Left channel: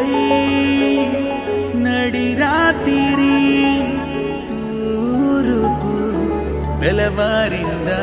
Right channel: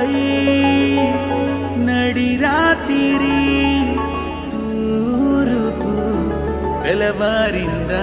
నువ్వై నడి రాత్రి తూరుపు తెలవారిందా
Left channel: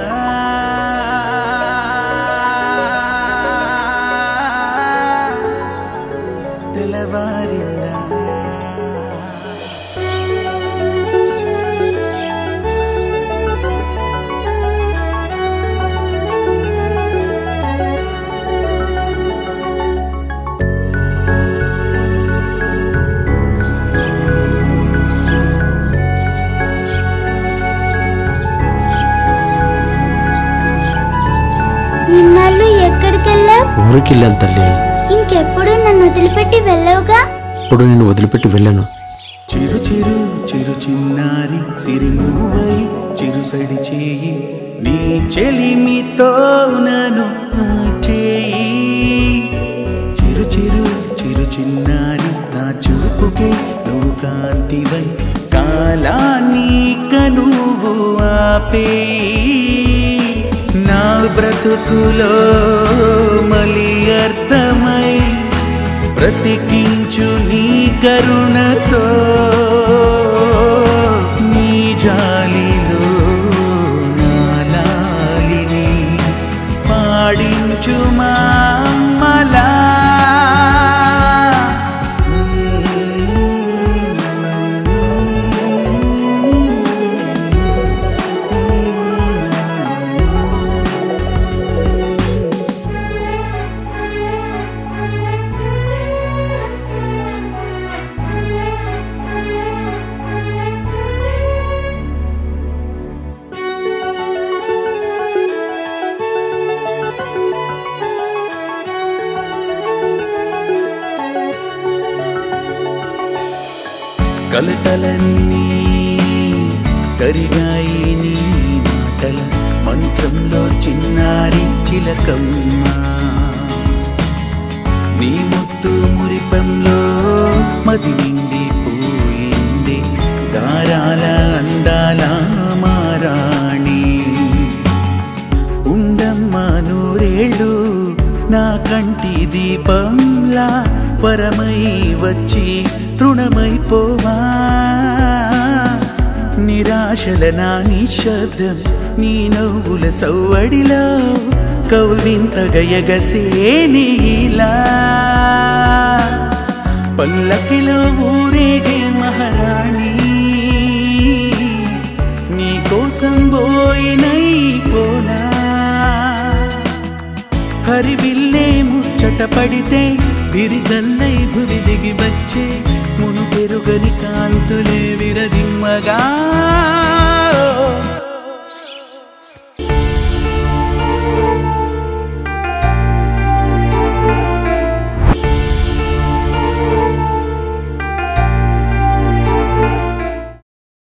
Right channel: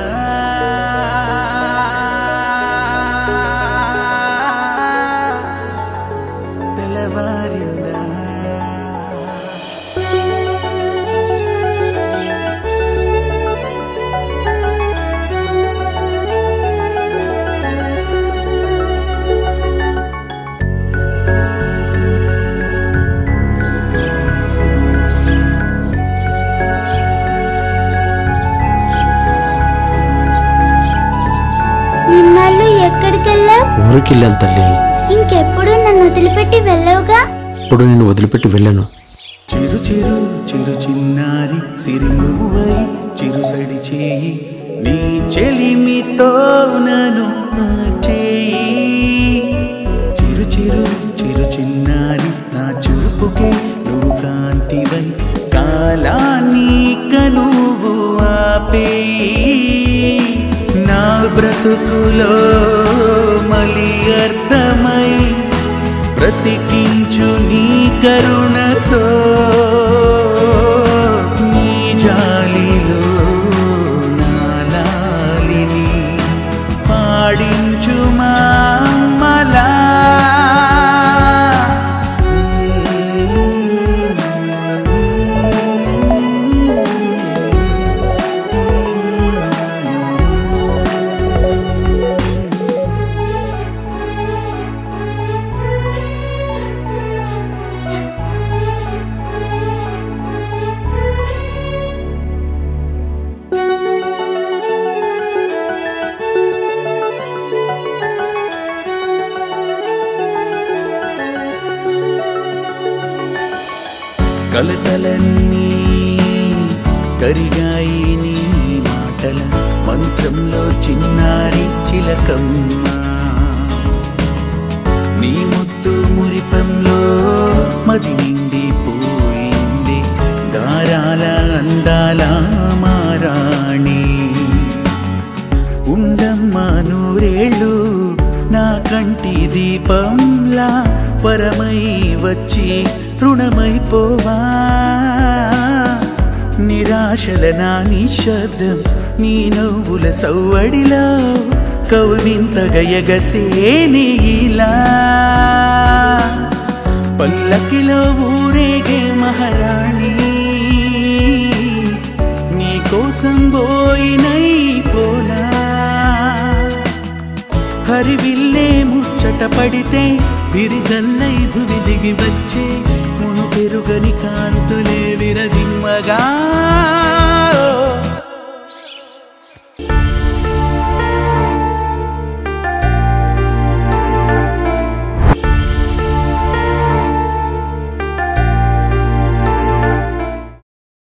ఇన్నాళ్ళు ఎక్కడికెళ్ళావు? ఊరికెళ్ళాను తల్లి. ఇంకెప్పుడు నన్ను వదిలిపెట్టి వెళ్ళవుగా? ఇప్పుడు నిన్ను వదిలిపెట్టి వెళ్ళాను. చిరు చిరు చిరు చిన్నారి సిరిమువై చిరుసడి చేయి నీ చెలిమితో నన్ను చేయి. చిరు చిరు చిరు చిన్నారి నా చూపుకే నువ్వు కాంతివై కాలాన్ని కనువు ఆపేయి. నా బ్రతుకులో మలి అర్థమై బ్రతికించు నీ కరుణతో నీ జాలిలో నాలాలిని పాడించు మా అమ్మలా. కలతలన్నీ కరిగాయి నీ మాటల మంత్రంలో చిన్నారి చిలకమ్మ. నీ ముత్తు మురిపంలో మది నిండిపోయింది దారాల అందాల మారాణి. ఉండమ్మా నూరేళ్ళు నా కంటి దీపంలా పరమై వచ్చి రుణమైపోవా. నిరాశల నా నిశ్శబ్దం నీ నవ్వుల సవ్వడిలో కవ్వింతగా ఎగసేనిలా. పల్లకిలో ఊరేగే మహారాణి నీ కోసం పోయినై పోలా. హరివిల్లే ముచ్చట పడితే బిరిజల్లై భువి దిగి వచ్చే మును తిరుగని కాంతులే విరది